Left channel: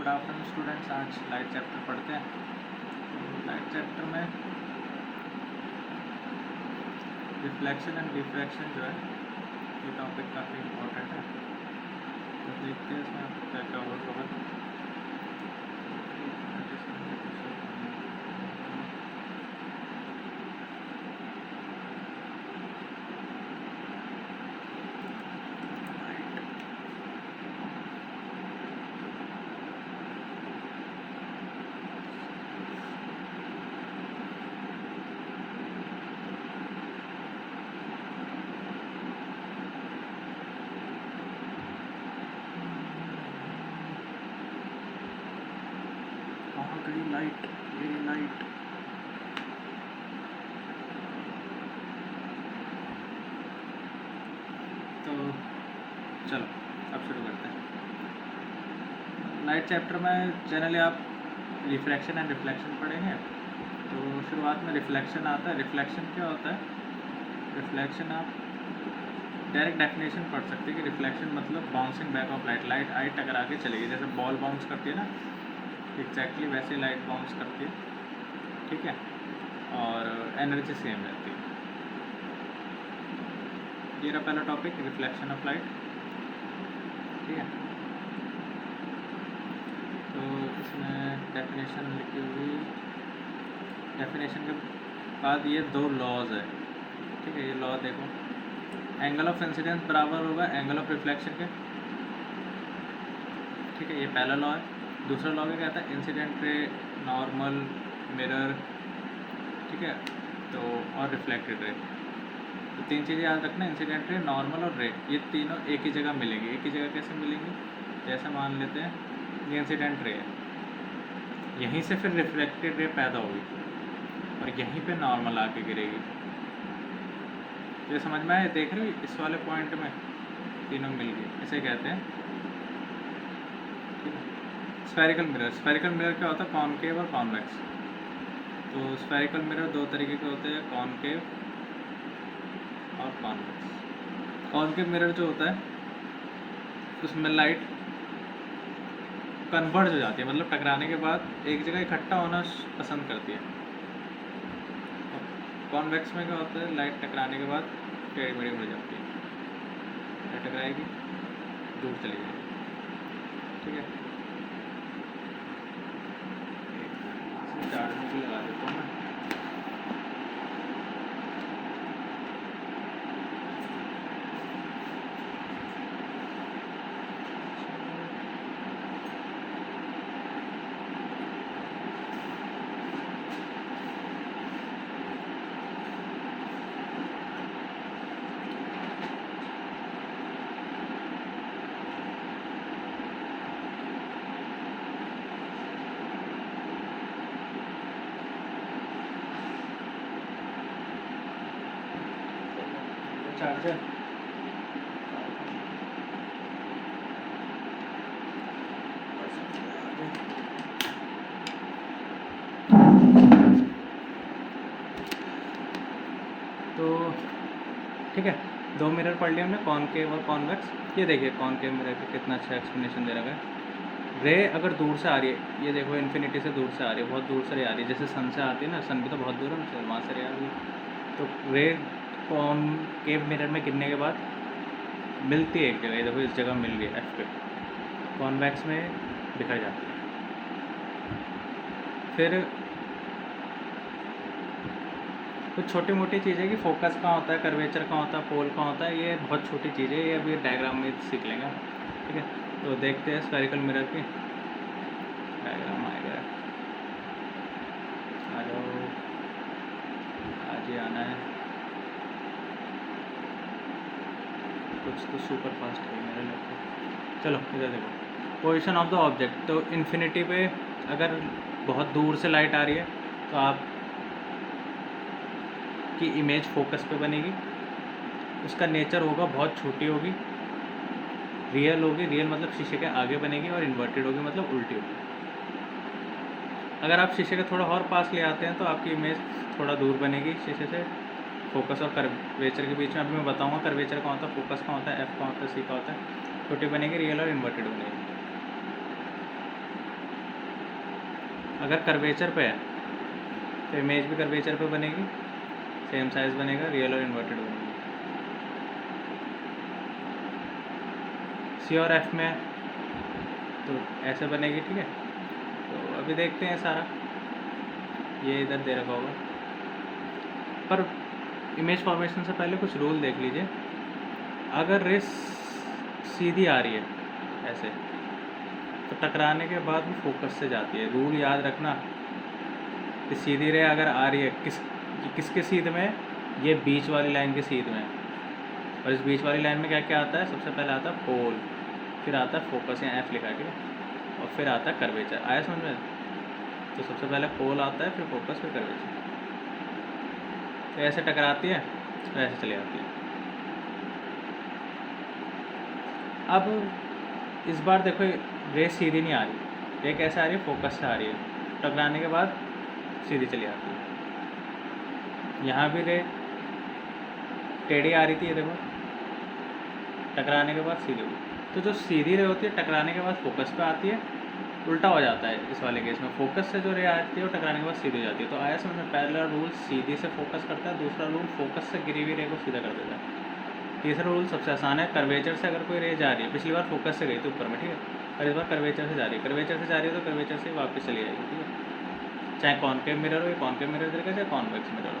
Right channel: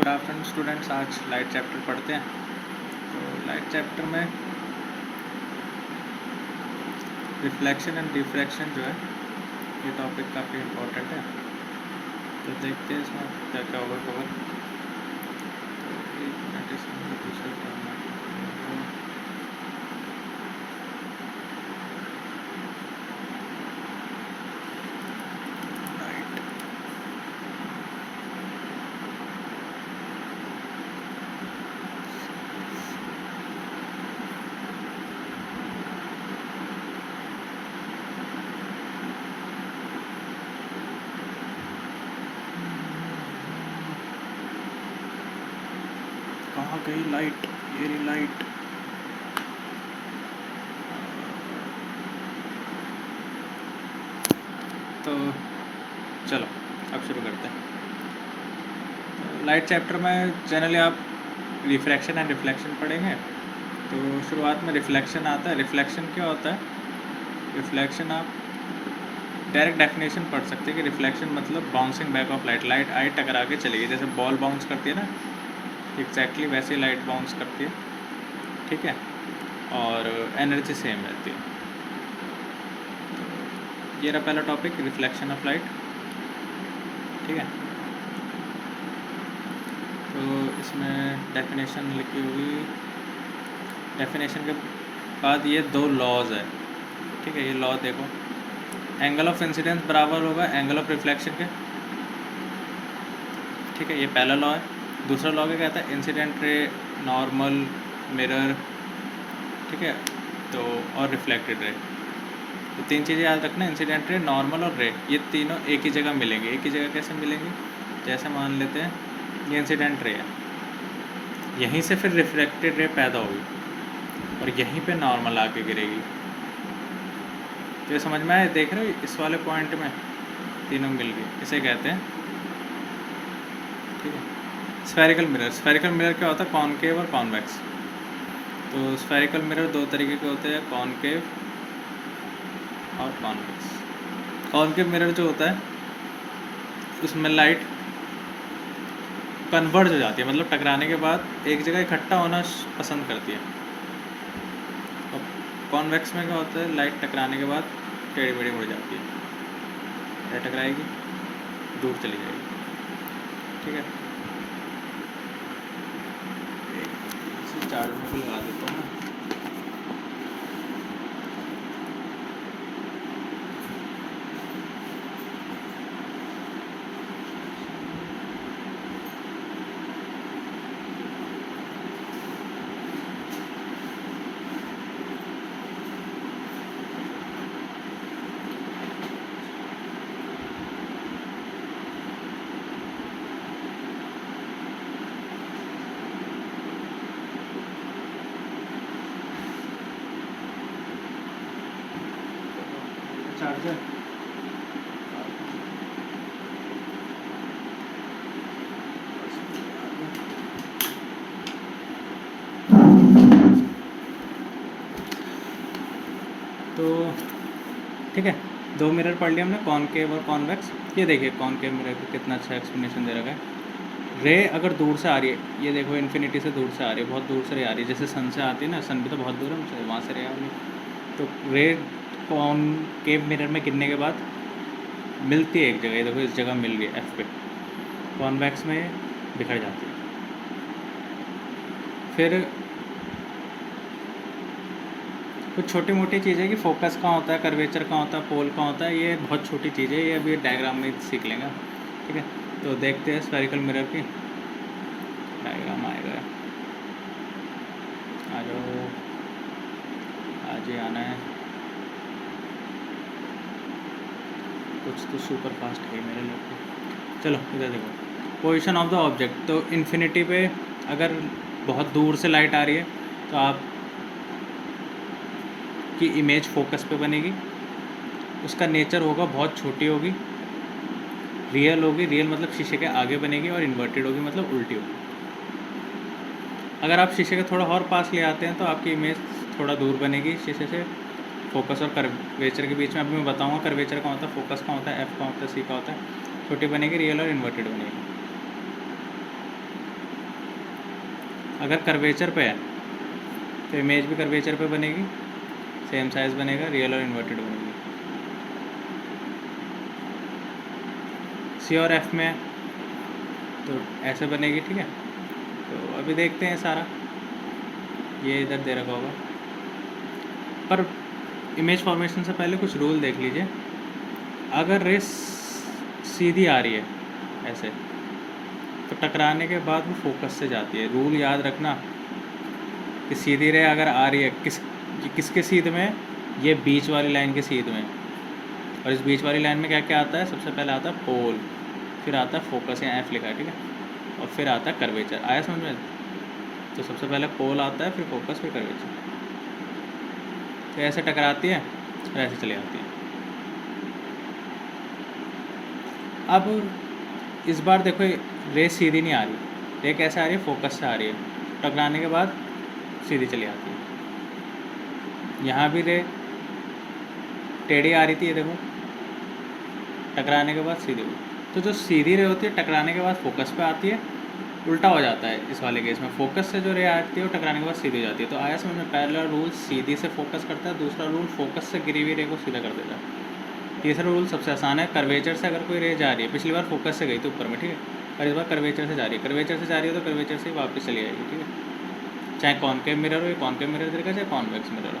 Good afternoon students. आज light chapter पढ़ते हैं। तो लाइट चैप्टर में रिफ्लेक्शन एंड रिफ्रैक्शन जो है ये टॉपिक काफ़ी इम्पोर्टेंट है। तो देखते हैं इसमें क्या क्या होगा कवर। कहाँ गई लाइट? ये रही लाइट। तो चलो अब शुरू करते हैं। लाइट चैप्टर में जनरली आप रिफ्रैक्शन एंड रिफ्लेक्शन पढ़ेंगे। तो शुरुआत में रिफ्लेक्शन आता है। रिफ्लेक्शन क्या होता है? रिफ्लेक्शन आप डायरेक्ट डेफिनेशन पढ़ सकते हैं कि रिफ्लेक्शन मतलब bouncing back of light. Light आई टकरा के चली गई, जैसे बॉल बाउंस करती है ना, एग्जैक्टली वैसे ही लाइट बाउंस करती है। ठीक है, और एनर्जी सेम रहती है। ये रहा पहला टॉपिक, रिफ्लेक्शन ऑफ लाइट। ठीक है, तो इसमें डेफिनेशन लिखी हुई, डेफिनेशन के बाद ये दो लॉज है। ठीक है, ये लॉ देखो, एंगल ऑफ इंसिडेंस बराबर होगा एंगल ऑफ रिफ्लेक्शन के। ठीक है, ये पहला लॉ है। दूसरा लॉ क्या कहता है? इंसिडेंट रे, नॉर्मल, मिरर, ठीक है, तो और रिफ्लेक्टेड रे। तो तीन चीज़ें याद रखना, इंसिडेंट रे, नॉर्मल और रे। ये तीनों एक ही जगह मिलेंगे। एक ही जगह कैसे मिलेंगे? जैसे मान लेते हैं ये इंसिडेंट रे है, यहीं से फिर रिफ्लेक्टेड रे पैदा होगी और यहीं पे नॉर्मल आके गिरेगी। तो ये समझ में आए? देख रहे हो इस वाले पॉइंट में तीनों मिल गए, इसे कहते हैं, ठीक है, स्फेरिकल मिरर। स्फेरिकल मिरर क्या होता है? कॉनकेव और कॉन्वेक्स। तो स्फेरिकल मिरर दो तरीके के होते हैं, कॉनकेव और कॉन्वेक्स। कॉनकेव मिरर जो होता है उसमें लाइट कन्वर्ज हो जाती है, मतलब टकराने के बाद एक जगह इकट्ठा होना पसंद करती है। और कॉन्वेक्स में क्या होता है? लाइट टकराने के बाद टेढ़ी मेढ़ी मुड़ जाती है, या टकराएगी दूर चली जाएगी। ठीक है, चार्ज में भी लगा देता हूँ मैं। चार्जर तो ठीक है, दो मिरर पढ़ लिया हमने, कॉनकेव और कॉन्वेक्स। ये देखिए कॉनकेव मिरर को कितना अच्छा एक्सप्लेनेशन दे रखा है। रे अगर दूर से आ रही है, ये देखो इन्फिनिटी से दूर से आ रही है, बहुत दूर से रे आ रही है, जैसे सन से आती है ना, सन भी तो बहुत दूर है, वहाँ से रे आ रही है। तो रे कॉनकेव मिरर में गिरने के बाद मिलती है एक जगह, ये देखो इस जगह मिल गई एफ पे। कॉन्वेक्स में बिखर जाती है। फिर कुछ छोटी मोटी चीज़ें कि फोकस कहाँ होता है, कर्वेचर कहाँ होता है, पोल कहाँ होता है, ये बहुत छोटी चीज़ें, ये अभी डायग्राम में सीख लेंगे। ठीक है, तो देखते हैं स्फेरिकल मिरर की डायग्राम आएगा। आ जाओ, आज ही आना है। कुछ तो सुपर फास्ट है मेरे लोग को। चलो इधर देखो, पोजीशन ऑफ द ऑब्जेक्ट। तो इन्फिनिटी पे अगर बहुत दूर से लाइट आ रही है तो आप की इमेज फोकस पे बनेगी, उसका नेचर होगा बहुत छोटी होगी, रियल होगी, रियल मतलब शीशे के आगे बनेगी, और इन्वर्टेड होगी मतलब उल्टी होगी। अगर आप शीशे के थोड़ा और पास ले आते हैं तो आपकी इमेज थोड़ा दूर बनेगी शीशे से। फोकस और कर्वेचर के बीच में अभी मैं बताऊंगा कर्वेचर कहाँ होता है, फोकस कहाँ होता है, एफ कहाँ होता है, सी कहाँ होता है। छोटी बनेगी, रियल और इन्वर्टेड बनेगी। अगर कर्वेचर पे है तो इमेज भी कर्वेचर पे बनेगी, सेम साइज बनेगा, रियल और इन्वर्टेड बनेगी। सी और एफ में है तो ऐसे बनेगी, ठीक है। तो अभी देखते हैं सारा, ये इधर दे रखा होगा, पर इमेज फॉर्मेशन से पहले कुछ रूल देख लीजिए। अगर रेस सीधी आ रही है ऐसे, तो टकराने के बाद वो फोकस से जाती है। रूल याद रखना कि सीधी रे अगर आ रही है किसके सीध में, ये बीच वाली लाइन के सीध में, और इस बीच वाली लाइन में क्या क्या आता है, सबसे पहले आता है पोल, फिर आता है फोकस, या एफ लिखा है, ठीक है, और फिर आता है कर्वेचर। आया समझ में? तो सबसे पहले पोल आता है, फिर फोकस, फिर कर्वेचर। तो ऐसे टकराती है और ऐसे चली जाती है। अब इस बार देखो, रे सीधी नहीं आ रही, रे कैसे आ रही है, फोकस से आ रही है, टकराने के बाद सीधी चली आती है। यहाँ भी रे टेढ़ी आ रही थी, ये देखो, टकराने के बाद सीधी हुई। तो जो सीधी रे होती है टकराने के बाद फोकस पे आती है, उल्टा हो जाता है इस वाले केस में, फोकस से जो रे आती है वो टकराने के बाद सीधी हो जाती है। तो आया समझ में? पहला रूल सीधी से फोकस करता है, दूसरा रूल फोकस से गिरी हुई रे को सीधा कर देता है, तीसरा रूल सबसे आसान है, कर्वेचर से अगर कोई रे जा रही है, पिछली बार फोकस से गई थी ऊपर में, ठीक है, और इस बार कर्वेचर से जा रही है, कर्वेचर से जा रही है तो कर्वेचर से वापस चली जाएगी, ठीक है। चाहे कॉनकेव मिरर हो, या कॉनकेव मिरर तरीका, चाहे कॉन्वेक्स मिरर हो।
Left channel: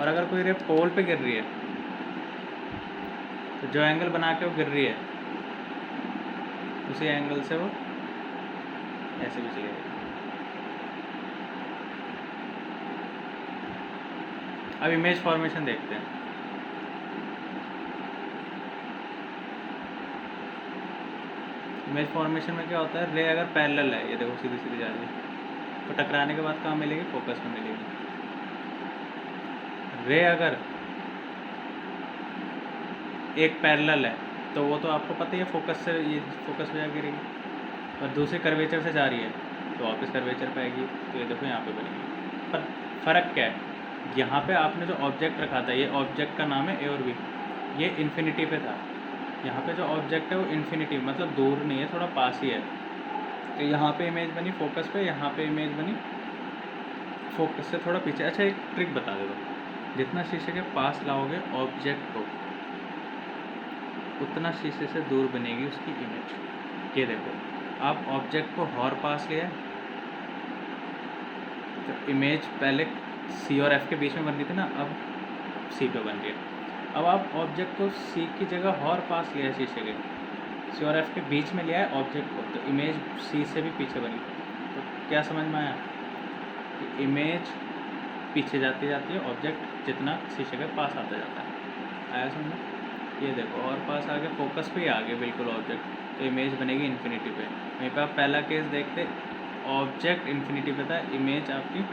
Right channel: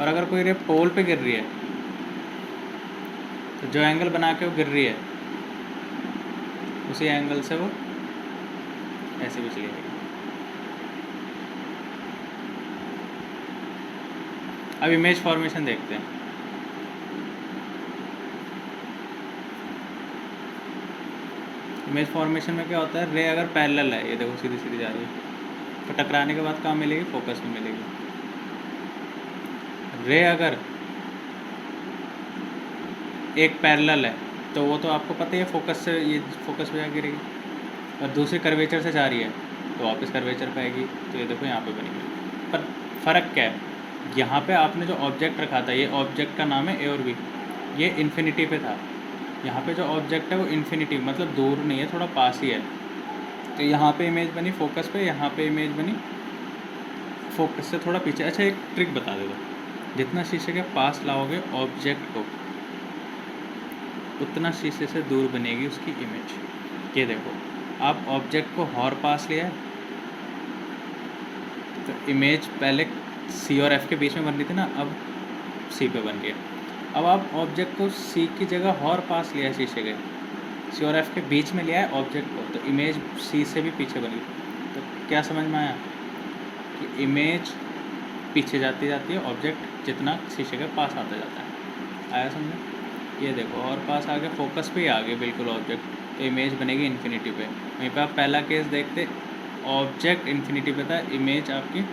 और अगर कोई रे पोल पे गिर रही है, तो जो एंगल बना के वो गिर रही है, उसी एंगल से वो ऐसे भी चली जाएगी। अब इमेज फॉर्मेशन देखते हैं। इमेज फॉर्मेशन में क्या होता है, रे अगर पैरेलल है, ये देखो सीधी सीधी जा रही है, तो टकराने के बाद कहाँ मिलेगी, फोकस में मिलेगी। रे अगर एक पैरेलल है तो वो तो आपको पता ही है, फोकस से ये फोकस पे गिरेगी, और दूसरी कर्वेचर से जा रही है तो वापस कर्वेचर पे आएगी। तो ये देखो यहाँ पे बनेगी। पर फ़र्क क्या है, यहाँ पे आपने जो ऑब्जेक्ट रखा था, ये ऑब्जेक्ट का नाम है ए और बी, ये इन्फिनिटी पे था। यहाँ पे जो ऑब्जेक्ट है वो इन्फिनिटी मतलब दूर नहीं है, थोड़ा पास ही है। तो यहाँ पे इमेज बनी फोकस पे, यहाँ पे इमेज बनी फोकस से थोड़ा पीछे। अच्छा, एक ट्रिक बता दो, जितना शीशे के पास लाओगे ऑब्जेक्ट को, उतना शीशे से दूर बनेगी उसकी इमेज। ये देखो, आप ऑब्जेक्ट को हॉर पास लिया, तो इमेज पहले सी और एफ के बीच में बन रही थी ना, अब सी पे बन रही है। अब आप ऑब्जेक्ट को सी की जगह हॉर पास लिया है शीशे के, सी और एफ के बीच में लिया है ऑब्जेक्ट को, तो इमेज सी से भी पीछे बनी। तो क्या समझ में आया कि इमेज पीछे जाती जाती है, ऑब्जेक्ट जितना शीशे के पास आता जाता है। आया समझ? ये देखो, और पास आ गया, फोकस पे ही आ गया बिल्कुल ऑब्जेक्ट, तो इमेज बनेगी इन्फिनिटी पे। यहीं पर आप पहला केस देखते, ऑब्जेक्ट इन्फिनिटी पे था, इमेज आपकी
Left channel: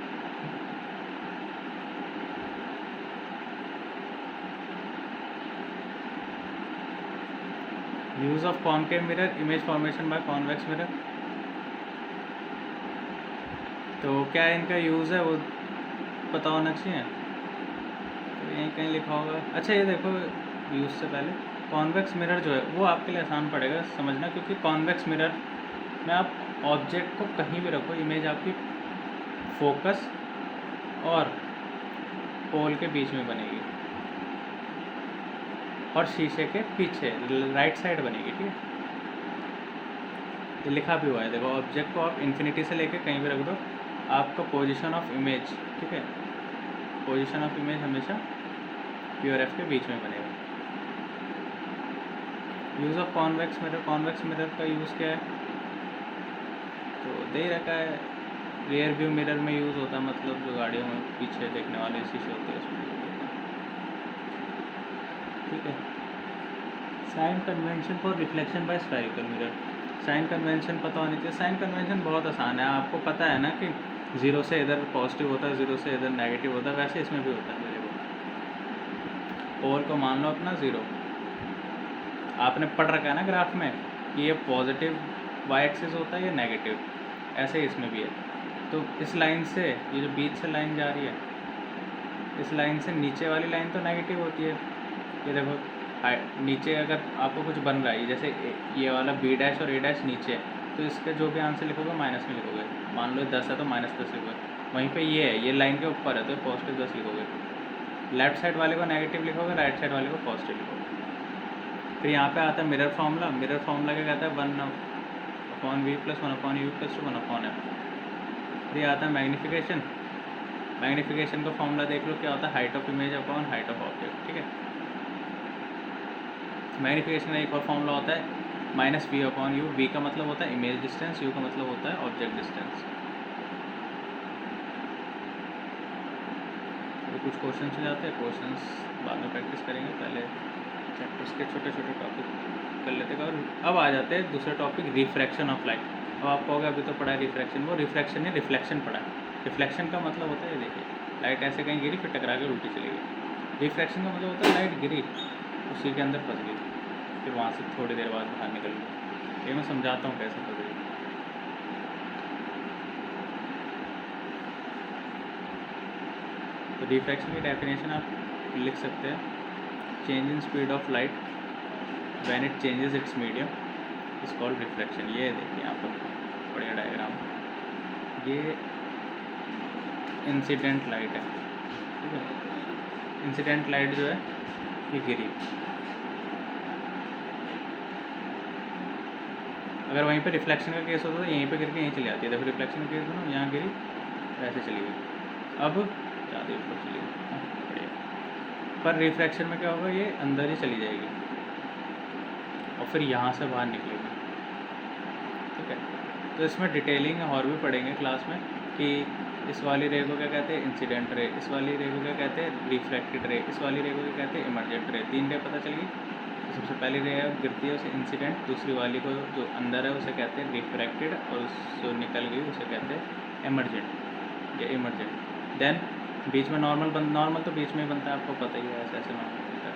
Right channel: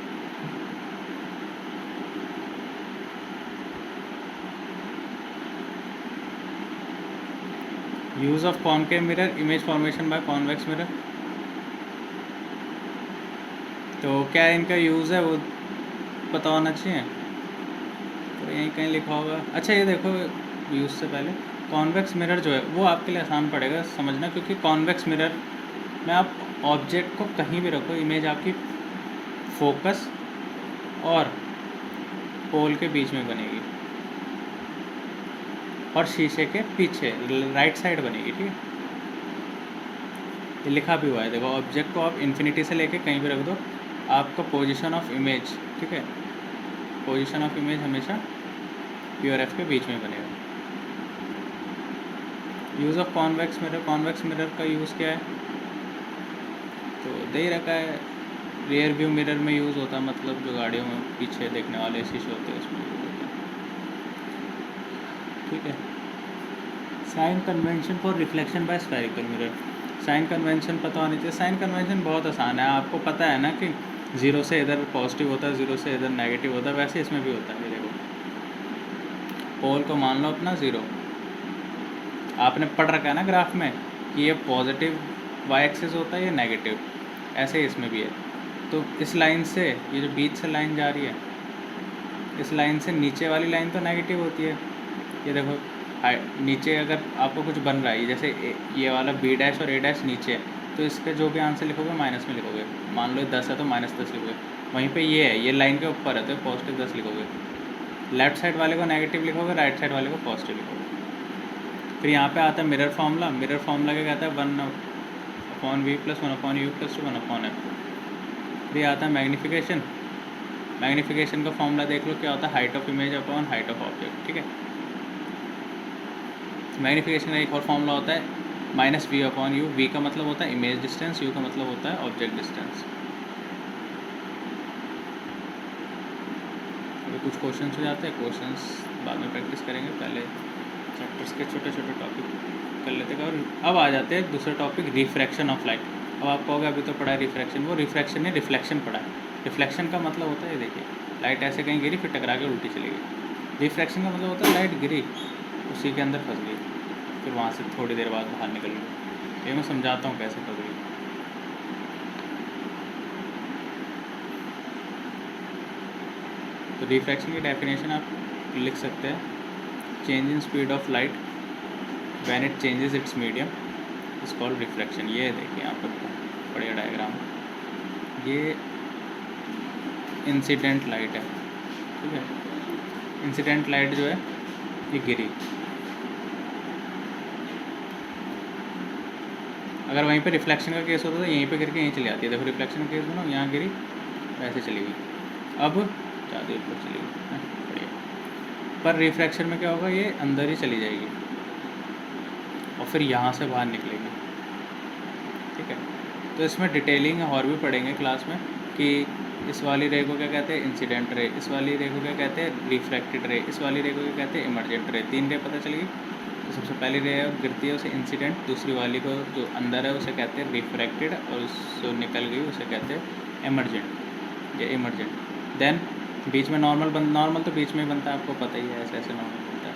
use of concave mirror, image formation by convex mirror. तो क्या इनका यूज़ है वो पता होना चाहिए, तो यहीं कहीं लिखा होगा। अच्छा, ये देखो, यूज़ से पहले कॉन्वेक्स मिरर जो है वो आपके लिए आसान पड़ेगा समझना, क्योंकि कॉन्वेक्स मिरर में आप ऑब्जेक्ट को कहीं भी रखो, इमेज आपकी फोकस और पोल के बीच में बनेगी, और शीशे के पीछे राइट साइड बनेगी, ठीक है। तो लिखा भी हुआ है, देखो, ऑब्जेक्ट को आप इन्फिनिटी से लेके कहीं भी रख दो, आपका पोजीशन ऑफ इमेज, ठीक है, पोजीशन ऑफ इमेज हमेशा पी और एफ के बीच में बनेगा। Use of convex mirror, convex mirror का यूज़ क्या है, तो दे ही रखा है, रियर व्यू मिरर में यूज़ होता है, मतलब जो गाड़ियों में पीछे देखने वाले शीशे होते हैं उसमें, ठीक है। Sign convention for reflection by spherical mirror, sign convention पता होनी चाहिए। साइन कन्वेंशन बहुत आसान है, आपको पता है ना कि ज़ीरो से इधर पॉजिटिव होता है, ज़ीरो से इधर नेगेटिव होता है, वैसे इसमें भी होता है। देखो, पोल को मान लो अपना ज़ीरो, आपने पढ़ रखा है ना ग्राफ में कि ये पॉजिटिव वाई एक्सिस होता है, ये नेगेटिव, ऐसे ही इसमें भी है। तो इस लाइन से, ये जो बीच से लाइन जा रही है, इस लाइन से नीचे वाली लाइन तो नेगेटिव होती है। ये देखो, नीचे अगर आपको कुछ बन रहा है, जैसे ये वाला बी डैश और ए डैश नीचे है, तो इसका जो भी आंसर लिखोगे माइनस में लिखोगे। मान लो 10 है तो -10 लिखोगे। वहीं पे ये है, ये लाइन के ऊपर है तो पॉजिटिव 10 लिखोगे। लेफ्ट साइड वाले को नेगेटिव लिखोगे, राइट साइड वाले को पॉजिटिव लिखोगे। फिर यहाँ पे आता है मिरर फार्मूला। मिरर फार्मूला क्या कहता है, 1/v + 1/u = 1/f। फिर आता है मैग्नीफिकेशन। मैग्नीफिकेशन का फॉर्मूला देख लो क्या होता है, height of image upon height of object. ठीक है, मैग्नीफिकेशन का एक और फॉर्मूला होता है -v/u। v का मतलब होता है इमेज डिस्टेंस, u का मतलब होता है ऑब्जेक्ट डिस्टेंस। तो कुछ क्वेश्चन हो जाते हैं, क्वेश्चंस बाद में प्रैक्टिस करेंगे, पहले चैप्टर्स के छोटे छोटे टॉपिक कर लेते हैं। और अब आ जाते हैं दूसरा टॉपिक, रिफ्रैक्शन ऑफ लाइट। अब आप कहोगे अभी तो पढ़ा है रिफ्रैक्शन, वो रिफ्रैक्शन नहीं रिफ्लेक्शन पढ़ा है। रिफ्लेक्शन का मतलब होता है, देखिए लाइट ऐसे कहीं गिरी फिर टकरा के उल्टी चली गई। रिफ्रैक्शन का मतलब होता है लाइट गिरी, उसी के अंदर फंस गई, फिर वहाँ से थोड़ी देर बाद बाहर निकल गई। ये मैं समझाता हूँ कैसे फंस गई। तो रिफ्रैक्शन की डेफिनेशन आप लिख सकते हैं, change in speed of light when it changes it's medium is called reflection. ये देखिए यहाँ पर बढ़िया डायग्राम, ये इंसिडेंट लाइट है। ठीक है, इंसिडेंट लाइट जो है ये गिरी, अगर वहीं पे रिफ्लेक्शन का केस होता तो यहीं पे गिर के यहीं चली जाती है। देखो रिफ्लेक्शन का केस है ना, यहाँ गिरी वैसे चली गई, अब ज़्यादा ऊपर चली गई। पर रिफ्रैक्शन में क्या होगा, ये अंदर ही चली जाएगी और फिर यहाँ से बाहर निकलेगी। ठीक है, तो इसमें डिटेलिंग और भी पढ़ेंगे क्लास में कि इस वाली रे को क्या कहते हैं, इंसिडेंट रे, इस वाली रे को क्या कहते हैं, रिफ्रैक्टेड रे, इस वाली रे को क्या कहते हैं, इमर्जेंट रे। 3 रे पता चली। तो सबसे पहली रे गिरती है उसे इंसिडेंट, दूसरी वाली को जो अंदर है उसे कहते हैं रिफ्रैक्टेड, और उससे निकल गई उसे कहते हैं इमर्जेंट या इमर्जेंट। देन बीच में नॉर्मल तो बीच में ही बनता है, आपको पता ही है, ऐसे ऐसे नॉर्मल बनता है।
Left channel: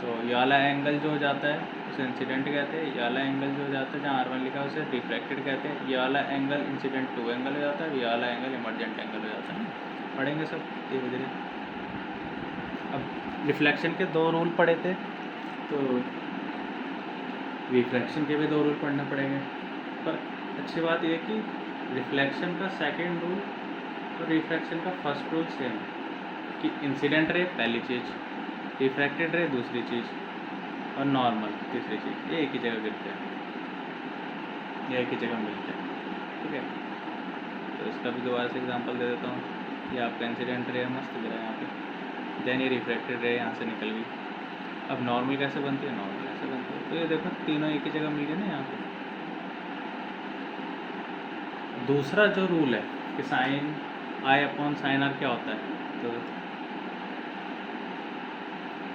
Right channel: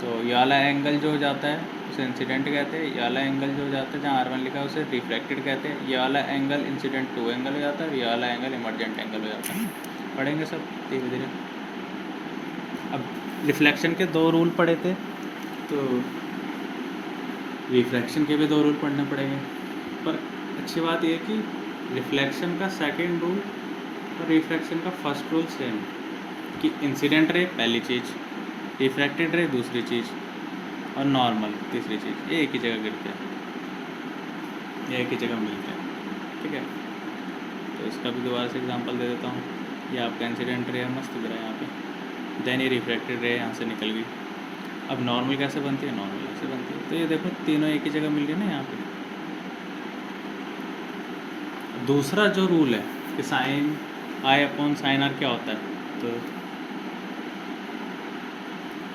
तो ये वाला एंगल जो हो जाता है उसे इंसिडेंट कहते हैं, ये वाला एंगल जो हो जाता है जहाँ R1 लिखा है उसे रिफ्रैक्टेड कहते हैं, ये वाला एंगल इंसिडेंट 2 एंगल हो जाता है, ये वाला एंगल इमर्जेंट एंगल हो जाता है। पढ़ेंगे सब धीरे धीरे। अब रिफ्लेक्शन के 2 रूल पढ़े थे, तो रिफ्लेक्शन के भी 2 रूल पढ़ने पड़ेंगे। पर अच्छी बात यह कि रिफ्लेक्शन का सेकंड रूल और रिफ्लेक्शन का फर्स्ट रूल सेम है कि इंसिडेंट रे पहली चीज़, रिफ्रैक्टेड रे दूसरी चीज़, और नॉर्मल तीसरी चीज़। ये एक ही जगह गिरते हैं, ये एक ही जगह मिलते हैं। ठीक है, तो इसका भी दोबारा से एग्जांपल दे देता हूँ। ये आपका इंसिडेंट रे मस्त गिरा है यहाँ पे, देन ये रिफ्रैक्टेड रे यहाँ से निकल गई। अब नॉर्मल कैसे बनती है, नॉर्मल कैसे बनती है, तो ये देखो तीनों एक ही जगह मिल गई ना यहाँ पे। दूसरा जो रूल है कि साइन I/sin R क्या होता है, तो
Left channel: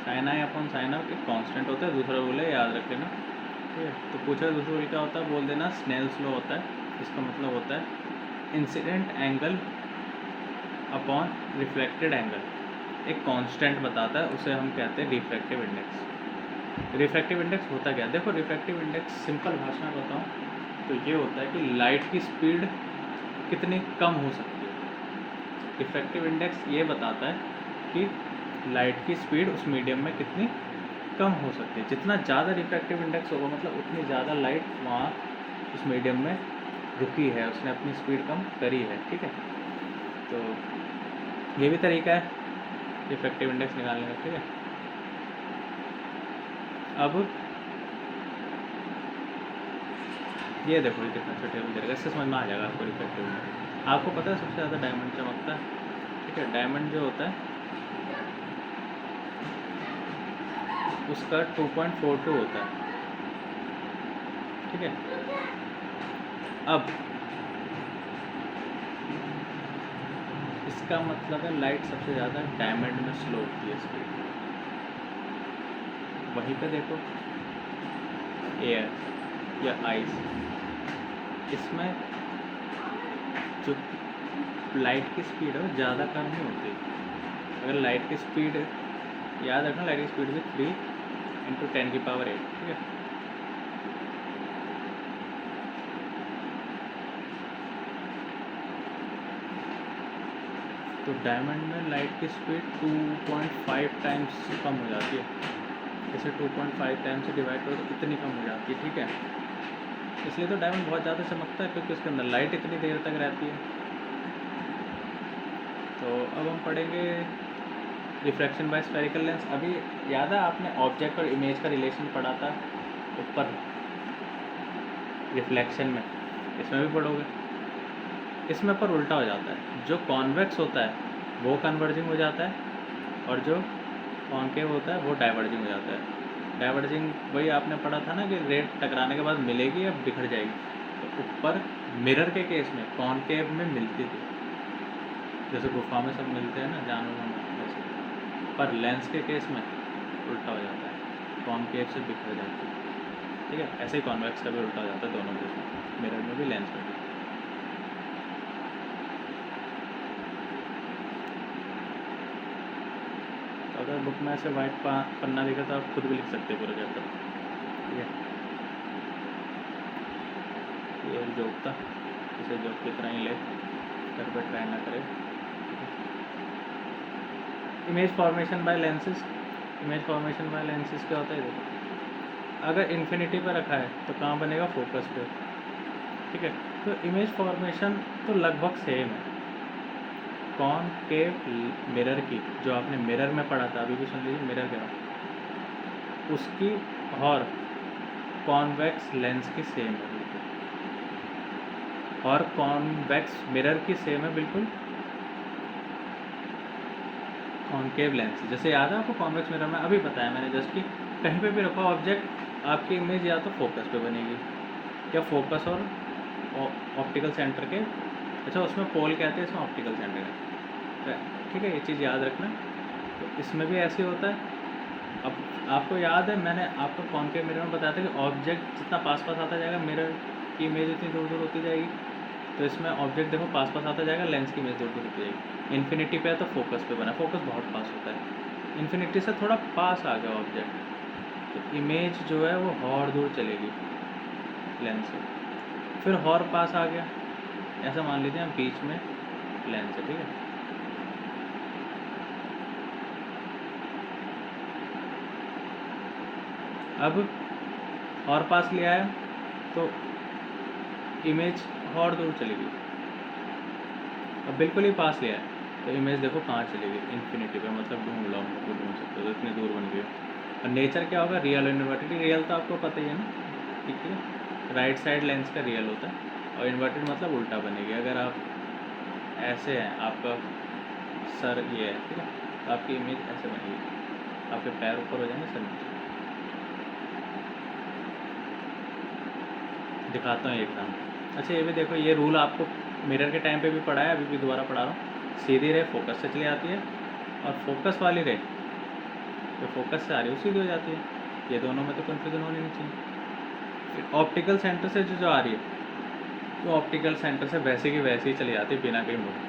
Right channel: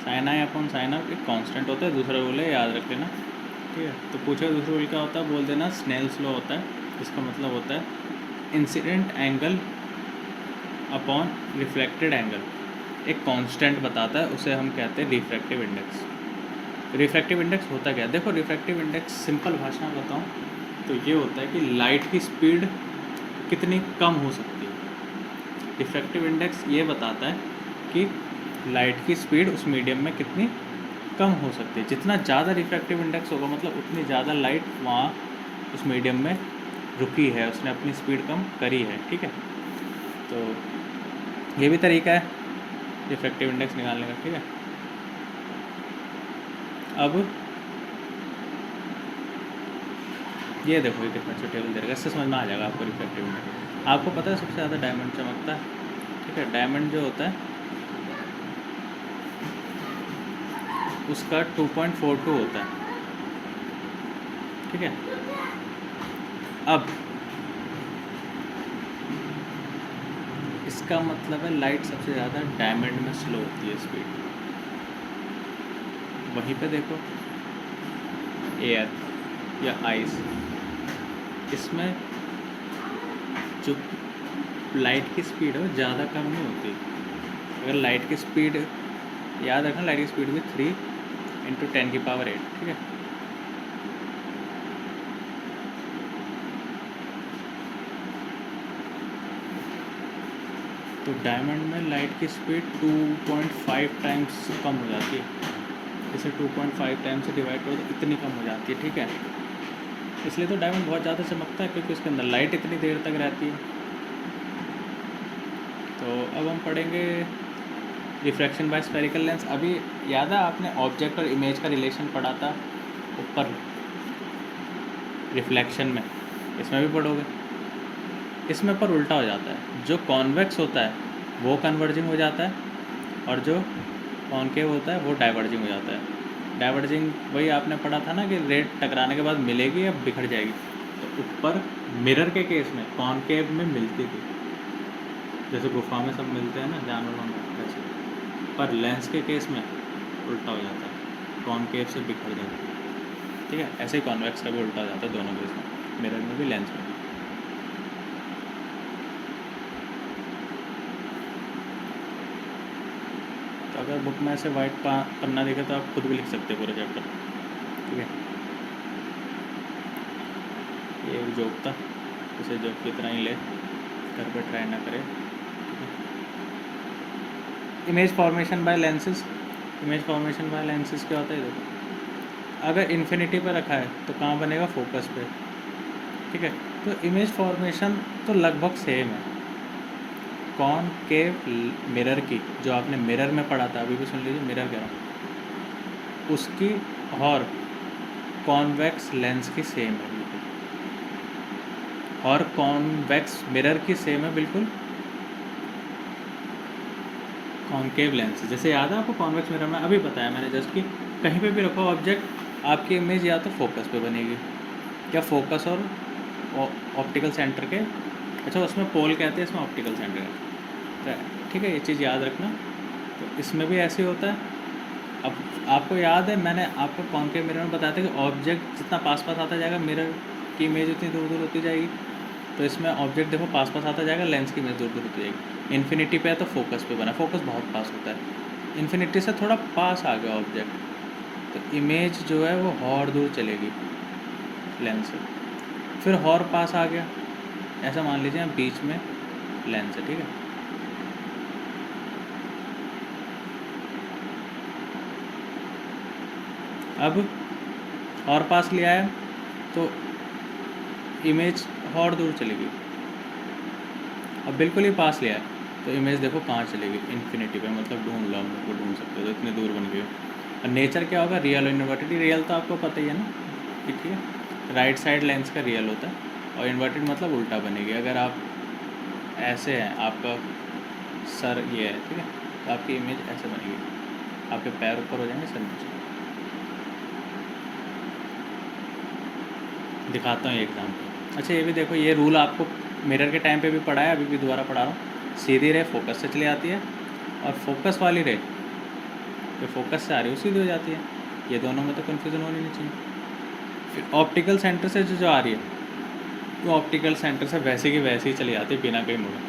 sin I/sin R एक कांस्टेंट होता है। दूसरा रूल है, याद रख लेना। ठीक है, तो पूछा दूसरा रूल क्या होता है, बोल देना स्नेल्स लॉ होता है। इसका मतलब होता है incident angle upon reflected angle एक कांस्टेंट बताता है, उसे हम कहते हैं रिफ्रैक्टिव इंडेक्स। रिफ्रैक्टिव इंडेक्स होता क्या है, देखो रिफ्रैक्टिव इंडेक्स सिंपल भाषा में बताऊँ तो ये होता है कि लाइट की स्पीड कितनी कम हो सकती है। रिफ्रैक्टिव इंडेक्स ये बताता है कि लाइट की स्पीड उस मीडियम में कितनी कम हो सकती है। जितना ज़्यादा रिफ्रैक्टिव इंडेक्स होगा मतलब उतनी ज़्यादा लाइट वहाँ उस मीडियम में रुकी है, उसने अपनी स्पीड कम करी है। ठीक है, तो ये भी तरीका है रिफ्रैक्टिव इंडेक्स निकालने का। ठीक है, अब ये देखो कितना छोटे तरीका, इससे समझ में आ जाएगा आपको रिफ्रैक्टिव इंडेक्स। आपको पता है सबसे ज़्यादा डायमंड चमकता है। ठीक है, डायमंड जो होता है उसका 2.42 होता है। ठीक है, अब इसका मतलब है लाइट सबसे ज़्यादा डायमंड में स्लो होती है स्पीड। वहीं पे देखो एयर या आइस, इसमें जो लाइट की स्पीड है वो ज़्यादा कम नहीं होती। अगर लाइट की स्पीड याद रखना, लाइट की स्पीड भी 3 × 10⁸। ठीक है, तो डायमंड में लाइट की स्पीड 2.5 टाइम्स कम हो जाती है। जैसे 2.5 टाइम्स से डिवाइड करो तो कितनी कम हो जाती है। ठीक है, इसलिए तो डायमंड बहुत ज़्यादा चमकता है, क्योंकि उसके अंदर लाइट इतनी देर तक रहती है। तो अब हम पढ़ेंगे रिफ्रैक्शन बाय स्फेरिकल लेंस। अभी याद है आपने ऑब्जेक्ट और इमेज का रिलेशन पढ़ा था ऊपर रिफ्लेक्शन में, इसमें भी पढ़ोगे। इसमें पर उल्टा हो जाता है, जो कॉन्वेक्स होता है वो कन्वर्जिंग हो जाता है, और जो कॉन्केव होता है वो डाइवर्जिंग हो जाता है। डाइवर्जिंग वही आपने पढ़ा था ना कि रेड टकराने के बाद मिलेगी या बिखर जाएगी। तो ऊपर मिरर के केस में कॉन्केव में मिलती थी, जैसे गुफा में सब मिलते हैं ना जानवरों में वैसे, पर लेंस के केस में उल्टा हो जाता है, कॉन्केव से बिखर जाती है। ठीक है, ऐसे ही कॉन्वेक्स का भी उल्टा हो जाता है दोनों केस में, मिरर में भी लेंस में भी। तो अगर बुक में ऐसे वाइट पन्ना देखे तो आप खुद भी लिख सकते हैं पूरे चैप्टर। ठीक है, ये एक जोक था, इसे जोक की तरह ही ले, घर को ट्राई ना करे। Image formation by lenses. Image formation by lenses क्या होता है? देखो, अगर इन्फिनिटी पर रखा है तो कहाँ बनेगा? फोकस पे। ठीक है, तो इमेज फॉर्मेशन तो लगभग सेम है। कॉनकेव मिरर की, जो आपने मिरर में पढ़ा था, अभी भी सुन लीजिए, मिरर क्या उसकी और कॉन्वेक्स लेंस की सेम है बिल्कुल, और कॉन्वेक्स मिरर की सेम है बिल्कुल कॉन्केव लेंस। जैसे याद है आपको कॉन्वेक्स मिरर में अभी बताया मैंने जस्ट कि कहीं पे भी रखो ऑब्जेक्ट, आपकी इमेज या तो फोकस पे बनेगी, या फोकस और ऑप्टिकल सेंटर के, अच्छा उसमें पोल कहते हैं, इसमें ऑप्टिकल सेंटर है। ठीक है, ये चीज़ याद रखना। तो इसमें भी ऐसे होता है। अब आपको याद है मैंने आपको कॉन्केव मिरर में बताया था कि ऑब्जेक्ट जितना पास पास आता जाएगा मिरर की इमेज उतनी दूर दूर होती जाएगी। तो इसमें ऑब्जेक्ट देखो पास पास आता जाएगा, लेंस की इमेज दूर दूर होती जाएगी। इन्फिनिटी पे है तो फोकस पे बना, फोकस बहुत पास होता है, इन्फिनिटी से थोड़ा पास आ गया ऑब्जेक्ट, तो इमेज जो है वो और दूर चलेगी लेंस से, फिर और पास आ गया, ऐसा मान लीजिए आप बीच में लेंस है। ठीक है, अब और पास लिया है तो इमेज और दूर चलेगी। अब बिल्कुल ही पास लिया है तो इमेज देखो कहाँ चलेगी? इन्फिनिटी पे, मतलब ढूंढ लो, हम लोग ढूंढ सकते हो, इतनी दूर बन गई। और नेचर क्या होगा? रियल और इन्वर्टेड। रियल तो आपको पता ही है ना, ठीक है, राइट साइड लेंस का रियल होता है, और इन्वर्टेड मतलब उल्टा बनेगी। अगर आप ऐसे हैं, आपका सर ये है, ठीक है, तो आपकी इमेज ऐसे बनेगी, आपके पैर ऊपर हो जाएंगे, सर नीचे। दिखाता हूँ एग्जाम्पल। अच्छा, ये भी देखो, ये रूल आपको मिरर के टाइम पे भी पढ़ा है, अभी भी दोबारा पढ़ा रहा हूँ। सीधी रे फोकस से चली आती है, और फोकस वाली रे तो फोकस से आ रही है सीधी हो जाती है। ये दोनों में तो कन्फ्यूज़न होनी नहीं चाहिए। फिर ऑप्टिकल सेंटर से जो आ रही है, तो ऑप्टिकल सेंटर से वैसे की वैसे ही चली जाती है बिना कहीं मुड़े।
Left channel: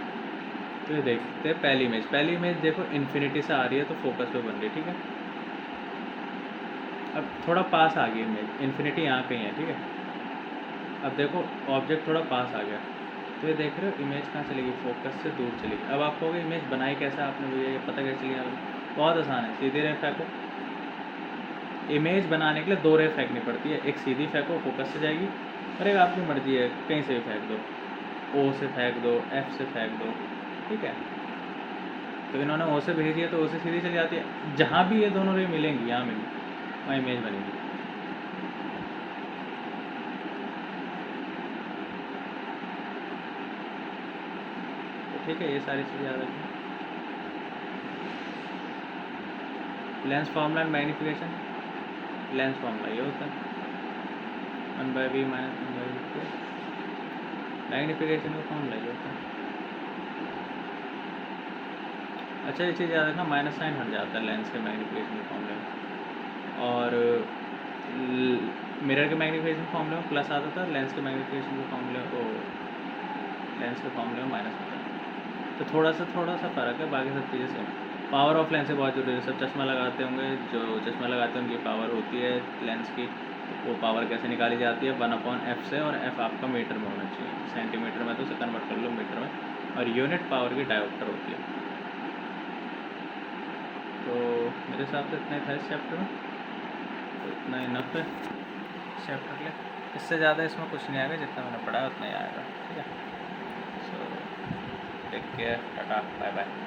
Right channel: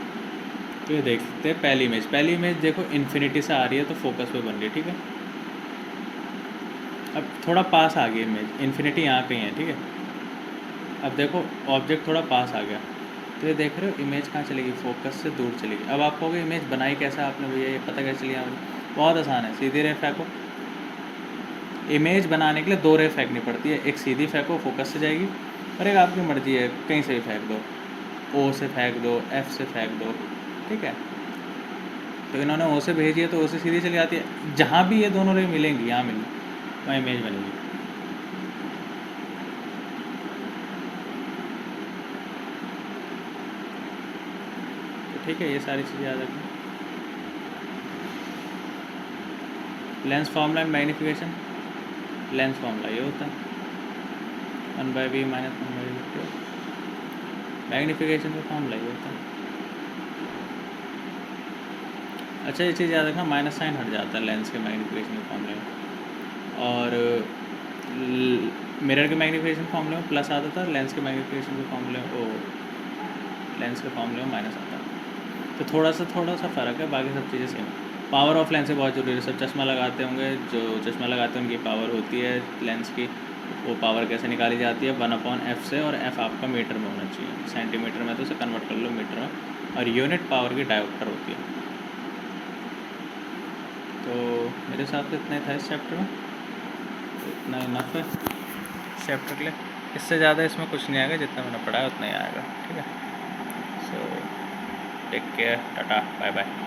तो ये देख सकते हैं पहली इमेज देखो इन्फिनिटी से आ रही है तो फोकस पे बन रही है। ठीक है, अब थोड़ा पास आ गई इमेज, इन्फिनिटी यहाँ कहीं है। ठीक है, अब देखो ऑब्जेक्ट थोड़ा पास आ गया, तो ये देख रहे हो इमेज कहाँ चलेगी? फोकस से दूर चलेगी। अब आप कहोगे इमेज बनाई कैसे आपने भैया, ये पता कैसे चली आपको? बहुत आसान है, सीधी रे फेंको। इमेज बनाने के लिए दो रे फेंकनी पड़ती है, एक सीधी फेंको फोकस से जाएगी, और एक आपकी मर्जी है कहीं से भी फेंक दो, ओ से फेंक दो, एफ से फेंक दो। ठीक है, तो इन्होंने ओ से भेजी है तो ओ से सीधी चली जाती है। जहाँ भी ये दोनों रे मिलेंगी, यहाँ मिलेंगी, वहाँ इमेज बनेगी। ठीक है, ये सारी चीज़ें याद रखना। Lens formula and magnification. Lens formula ये होता है 1/v - 1/v। मैग्नीफिकेशन का फॉर्मूला ये होता है। अच्छा, ये चीज़ याद रखना, माइनस साइन हट जाता है लेंस के मैग्नीफिकेशन के फॉर्मूले में, और मिरर के मैग्नीफिकेशन फॉर्मूले में प्लस आता था, लेंस के मैग्नीफिकेशन के फॉर्मूले लेंस के फॉर्मूले में माइनस आता है। तो थोड़ा सा फ़र्क है, बाकी सब चीज़ें सेम। पावर ऑफ लेंस है बहुत जरूरी है। सब चश्मा लगाते होंगे, जो चश्मा लगाते हैं उनकी पावर होती है लेंस की, वो पावर कैसे निकाली जाती है? 1/f से, और f आपका मीटर में होना चाहिए, सेंटीमीटर में तो उसे कन्वर्ट कर लो मीटर में, और यूनिट पावर की डायोप्टर होती है। तो मेरे साथ इतने था इस चैप्टर में, तो इतना इनफ है चैप्टर के लिए। इससे ज़्यादा इसमें कुछ नहीं आएगा, जितना मैंने पढ़ा है उतना ही आएगा। ठीक है, so take care, tata, bye bye.